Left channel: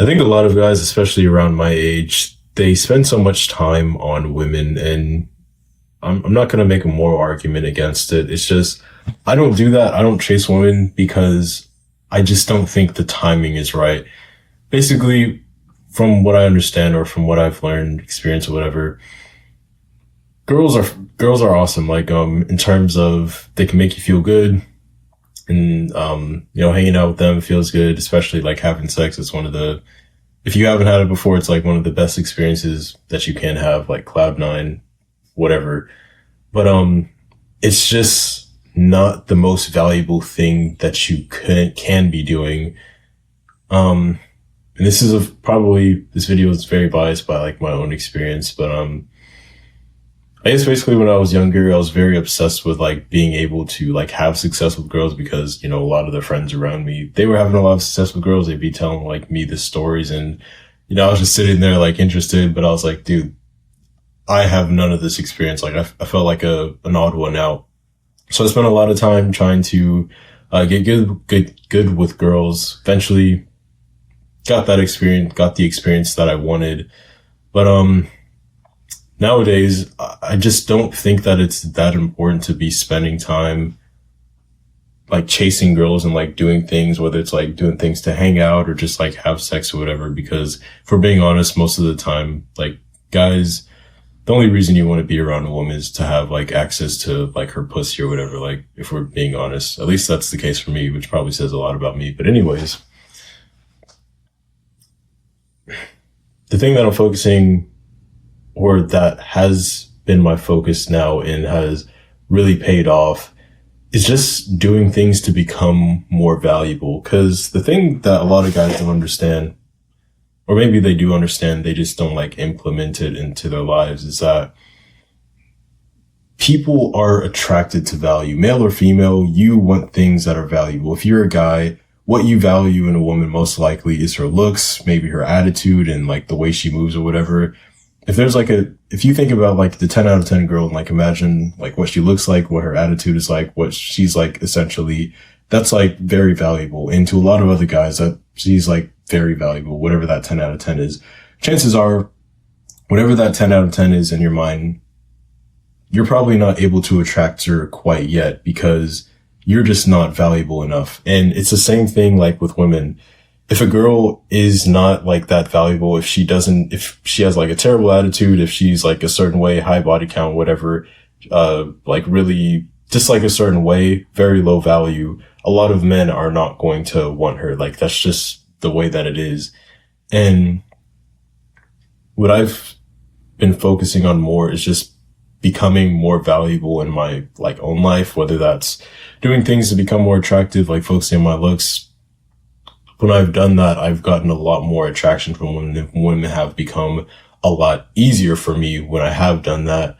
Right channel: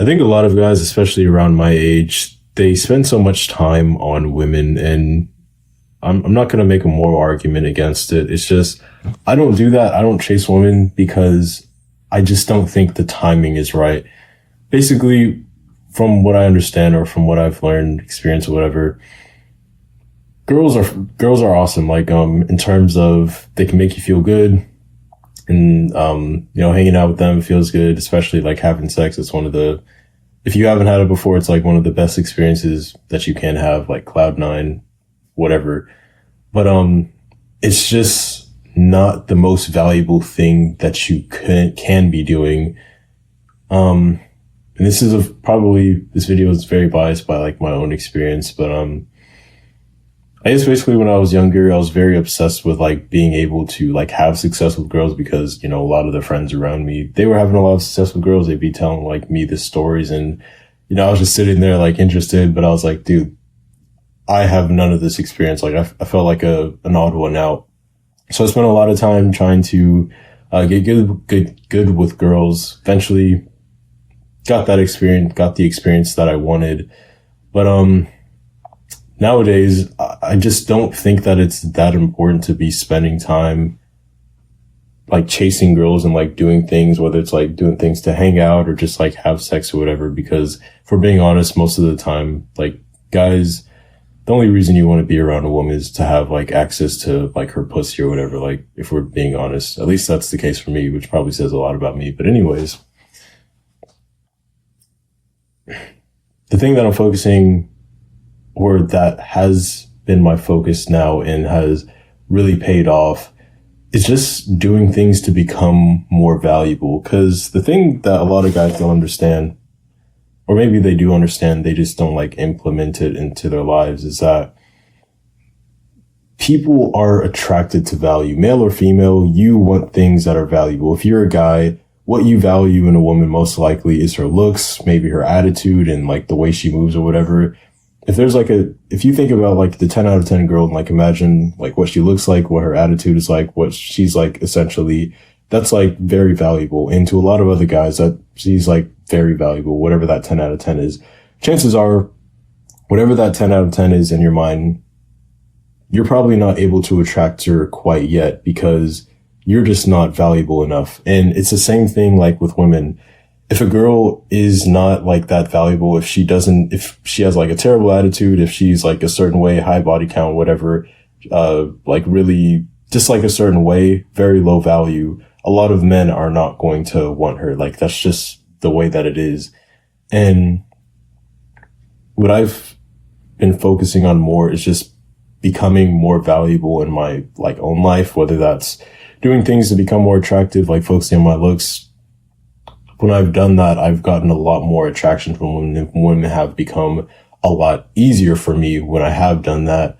I think a lot of guys, especially around my age, they spend so much time on women, and I'm not going to make a moral argument against it. It's just, I don't do that. I don't chase women because I just don't think the timing is right. Basically, from what I understand or from what I've learned, experience or whatever, girls are awesome. Like, in terms of they can make you feel good, and, hanging out with them feels good, especially like having sex. It's one of the, if you haven't had it before, it's like one of the best experiences that you can have, like cloud nine, whatever. But, it's just not the most valuable thing that you can be doing. And this is probably, this video is very biased by like my own experience, but, I guess basically when I was younger, I was very obsessed with like being able to like have success with girls because, a lot of the friends around me, they were having a lot of success with girls. They'd be telling like me the stories, and, I was just sitting there like interested, but I was like, dude, I have none of this experience. Like I felt like an odd one out. So I spent a lot of time trying to, get good with girls. Eventually got the experience that I wanted. But, nowadays, I just don't think that it's that important to be spending time like chasing girls and like doing things, whether it's like doing things to hang out or just like have sex or whatever. Because if we're being honest, most of the time, like guys, the only reason you want to be around a woman is to have like access to like her pussy or whatever. Like if we're being honest, at least that's the case for me, which probably says a lot about me. But anyways, the thing that I'm focusing, or that has been my focus now and has really paid off, is just doing things to become more valuable. Because the thing that a lot of guys don't understand, or maybe they do understand, they just don't like implement it into their lives, is that people are attracted to value. Male or female, you want things that are valuable. If you're a guy, what you value in a woman most likely is her looks, maybe her attitude and like the way she moves or whatever. If you think about like the 10 out of 10 girl and like imagine like what she looks like, what her attitude is like, what she's like, essentially, that's like very valuable. And to a lot of other guys, that she's like very valuable, whatever that 10 out of 10 is. Chances are, whatever that 10 out of 10 is in your mind, you're probably not able to attract her quite yet because you're just not valuable enough. And it's the same thing like with women. If a girl is not like that valuable, if she has like a terrible attitude, if she's like a certain way, high body count, whatever, like really just like a certain way, very low value, a lot of men are not going to want her. Like that's just the way that it is. And what I've been focusing on more is just becoming more valuable in my like own life, whether that's doing things to become more attractive, like focusing on my looks. When I've done that, I've gotten a lot more attraction from women. Women have become a lot easier for me when I have done that.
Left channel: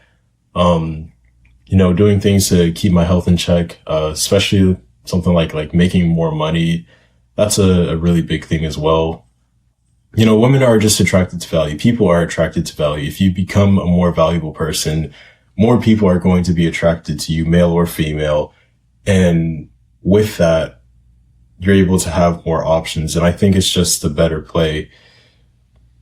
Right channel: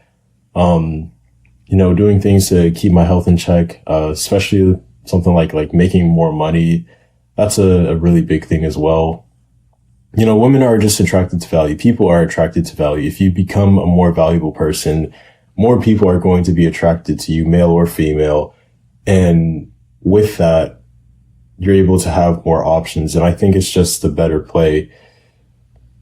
Doing things to keep my health in check, especially something like making more money. That's a really big thing as well. Women are just attracted to value. People are attracted to value. If you become a more valuable person, more people are going to be attracted to you, male or female. And with that, you're able to have more options. And I think it's just the better play.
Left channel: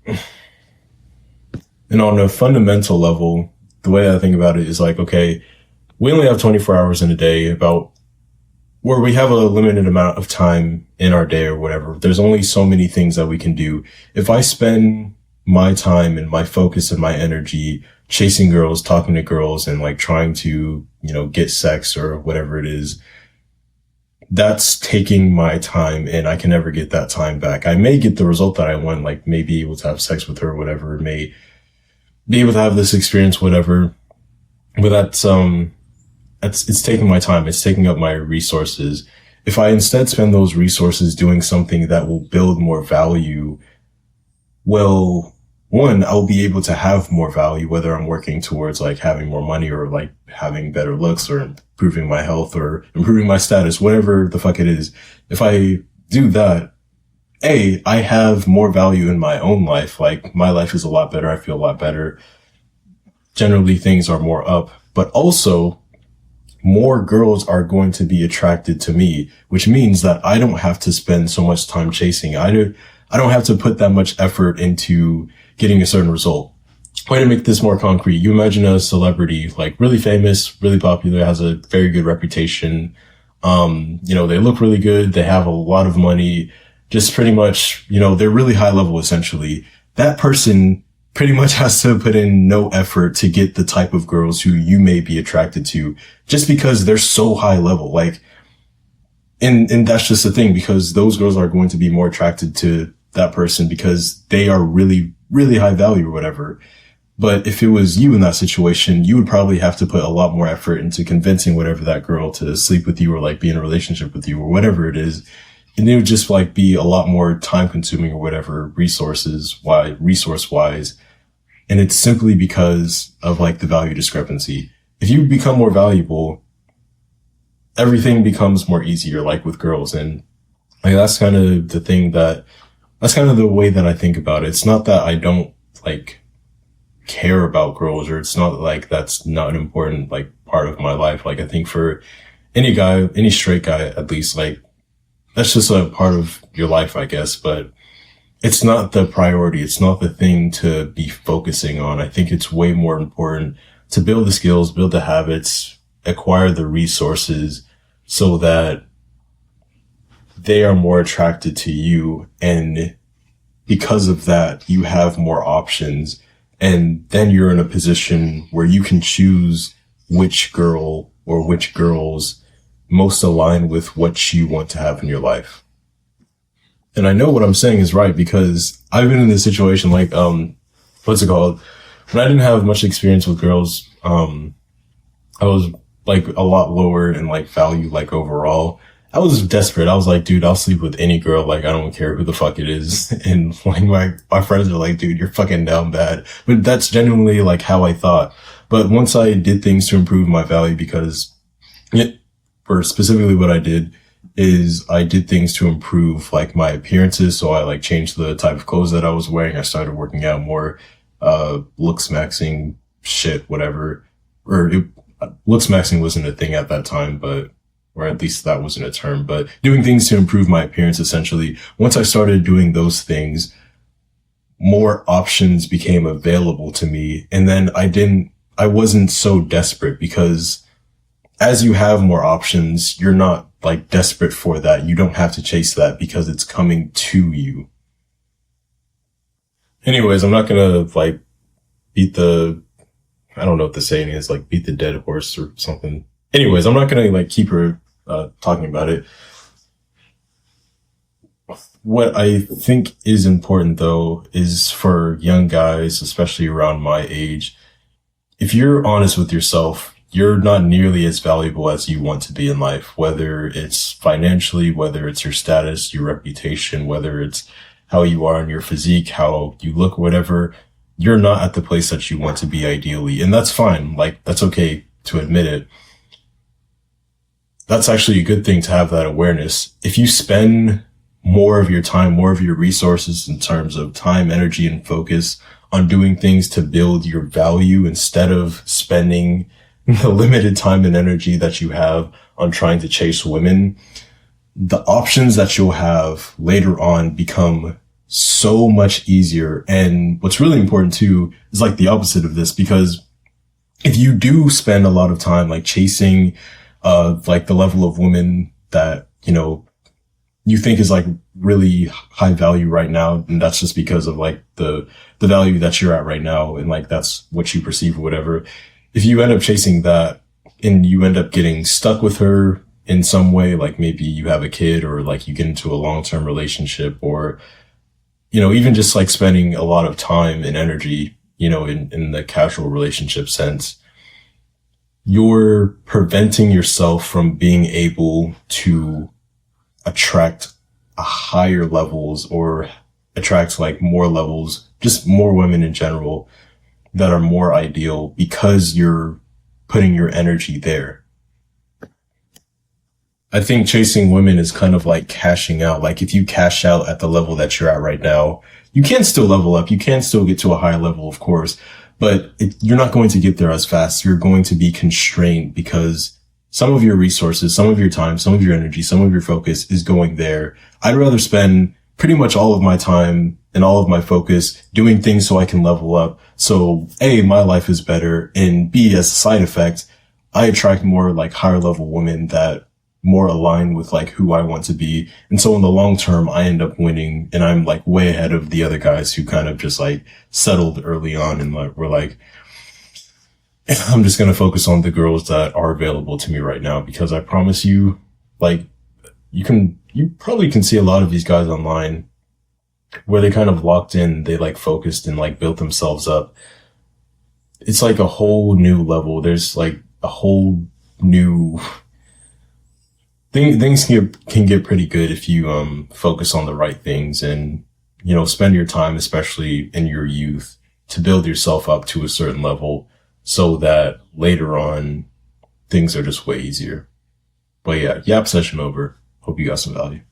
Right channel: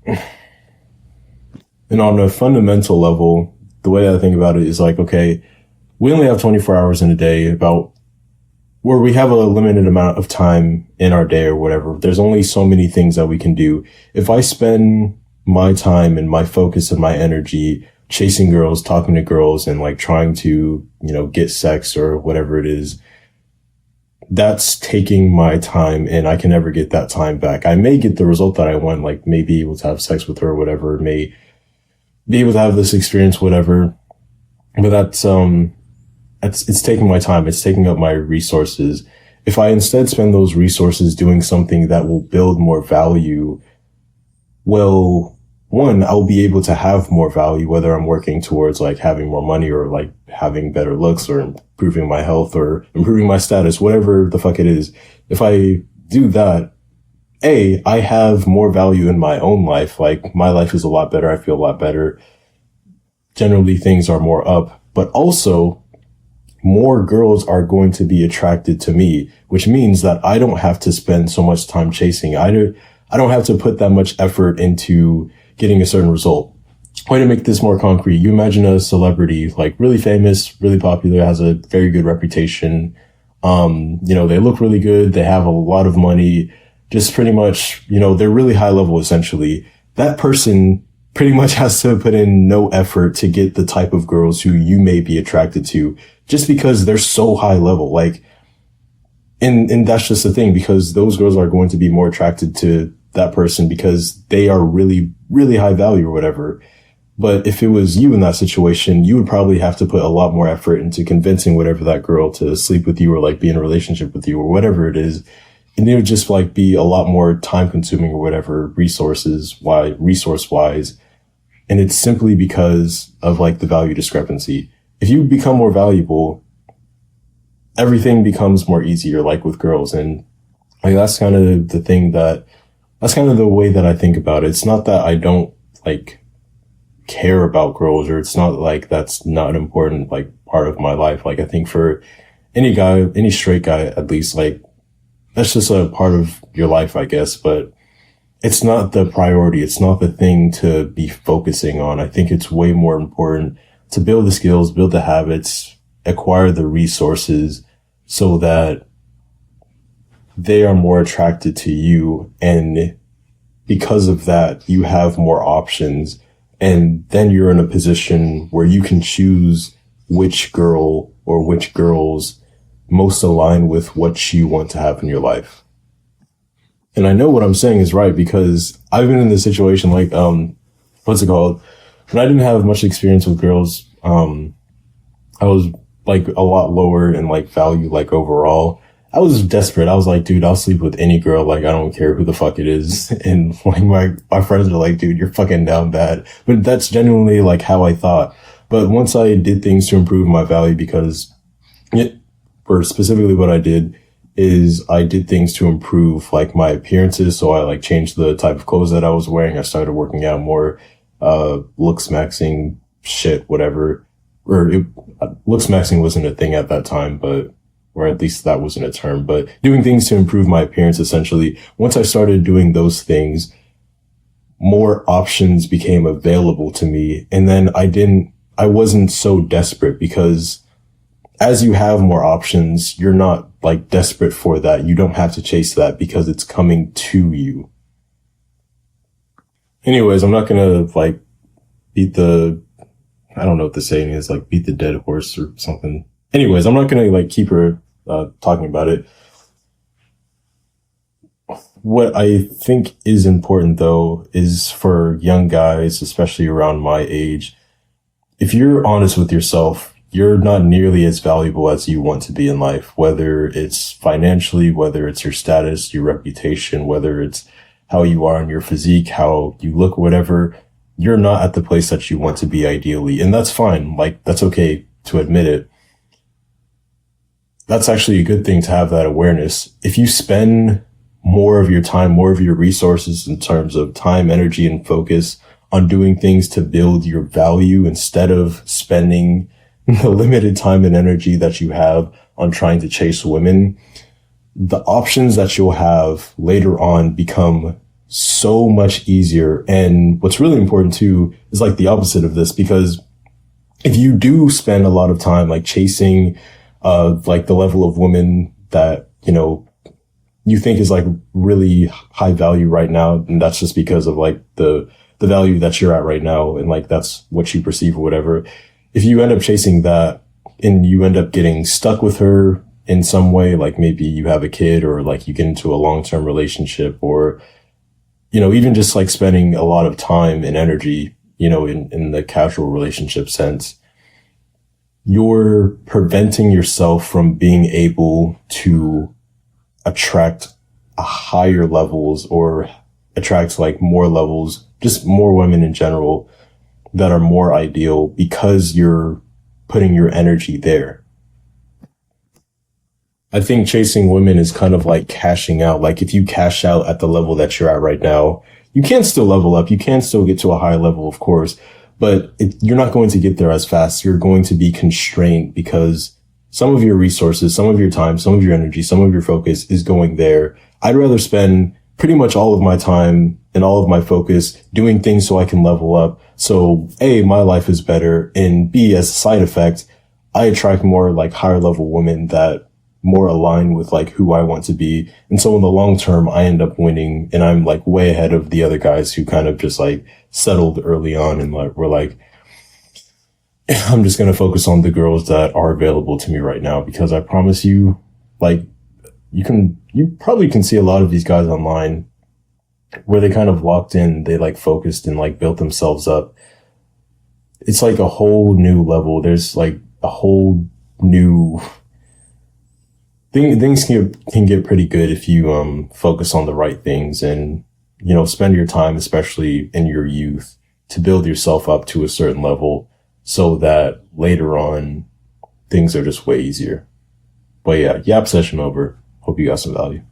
And on a fundamental level, the way I think about it is like, okay, we only have 24 hours in a day, where we have a limited amount of time in our day or whatever. There's only so many things that we can do. If I spend my time and my focus and my energy chasing girls, talking to girls, and like trying to, get sex or whatever it is, that's taking my time, and I can never get that time back. I may get the result that I want, like may be able to have sex with her or whatever, may be able to have this experience, whatever. But it's taking my time. It's taking up my resources. If I instead spend those resources doing something that will build more value, well, one, I'll be able to have more value, whether I'm working towards like having more money or like having better looks or improving my health or improving my status, whatever the fuck it is. If I do that, I have more value in my own life. Like my life is a lot better. I feel a lot better. Generally things are more up, but also more girls are going to be attracted to me, which means that I don't have to spend so much time chasing. I I don't have to put that much effort into getting a certain result. Way to make this more concrete. You imagine a celebrity, like really famous, really popular, has a very good reputation. They look really good. They have a lot of money, just pretty much, they're really high level essentially. That person pretty much has to put in no effort to get the type of girls who you may be attracted to just because they're so high level. Like, and that's just the thing, because those girls are going to be more attracted to that person because they are really, really high value or whatever. But if it was you in that situation, you would probably have to put a lot more effort into convincing whatever that girl to sleep with you or like be in a relationship with you or whatever it is. And it would just like be a lot more time consuming or whatever resource wise. And it's simply because of like the value discrepancy. If you become more valuable, everything becomes more easier, like with girls. And like, that's kind of the way that I think about it. It's not that I don't like care about girls, or it's not like that's not an important like part of my life. Like, I think for any guy, any straight guy, at least, like, that's just a part of your life, I guess, but it's not the priority. It's not the thing to be focusing on. I think it's way more important to build the skills, build the habits, acquire the resources so that they are more attracted to you. And because of that, you have more options. And then you're in a position where you can choose which girl or which girls most align with what you want to have in your life. And I know what I'm saying is right because I've been in this situation, like, what's it called? When I didn't have much experience with girls, I was like a lot lower in like value, like overall. I was desperate. I was like, dude, I'll sleep with any girl. Like, I don't care who the fuck it is. And like my friends are like, dude, you're fucking down bad. But that's genuinely like how I thought. But once I did things to improve my value, or specifically what I did is I did things to improve like my appearances. So I like changed the type of clothes that I was wearing. I started working out more, looks maxing shit, whatever. Looks maxing wasn't a thing at that time, or at least that wasn't a term, but doing things to improve my appearance, essentially. Once I started doing those things, more options became available to me. And then I wasn't so desperate because as you have more options, you're not like desperate for that. You don't have to chase that because it's coming to you. Anyways, I'm not gonna like I don't know what the saying is, like beat the dead horse or something. Anyways, I'm not gonna like keep her talking about it. What I think is important though is for young guys, especially around my age, if you're honest with yourself, you're not nearly as valuable as you want to be in life, whether it's financially, whether it's your status, your reputation, whether it's how you are in your physique, how you look, whatever. You're not at the place that you want to be ideally. And that's fine. Like, that's okay to admit it. That's actually a good thing to have that awareness. If you spend more of your time, more of your resources in terms of time, energy, and focus on doing things to build your value instead of spending the limited time and energy that you have on trying to chase women, the options that you'll have later on become so much easier. And what's really important too is like the opposite of this, because if you do spend a lot of time like chasing like the level of woman that, you think is like really high value right now, and that's just because of like the value that you're at right now, and like that's what you perceive or whatever. If you end up chasing that and you end up getting stuck with her in some way, like maybe you have a kid or like you get into a long-term relationship, or, even just like spending a lot of time and energy, in the casual relationship sense, you're preventing yourself from being able to attract higher levels or attract like more levels, just more women in general that are more ideal because you're putting your energy there. I think chasing women is kind of like cashing out. Like if you cash out at the level that you're at right now, you can still level up. You can still get to a high level, of course, but you're not going to get there as fast. You're going to be constrained because some of your resources, some of your time, some of your energy, some of your focus is going there. I'd rather spend pretty much all of my time and all of my focus doing things so I can level up. So A, my life is better, and B, as a side effect, I attract more like higher level women that more align with like who I want to be. And so in the long term, I end up winning, and I'm like way ahead of the other guys who kind of just like settled early on and like were like, I'm just going to focus on the girls that are available to me right now, because I promise you, like, you probably can see a lot of these guys online where they kind of locked in, they like focused and like built themselves up. It's like a whole new level. There's like a whole new things can get pretty good if you focus on the right things and, you know, spend your time, especially in your youth, to build yourself up to a certain level so that later on things are just way easier. But yeah, yap session over. Hope you got some value.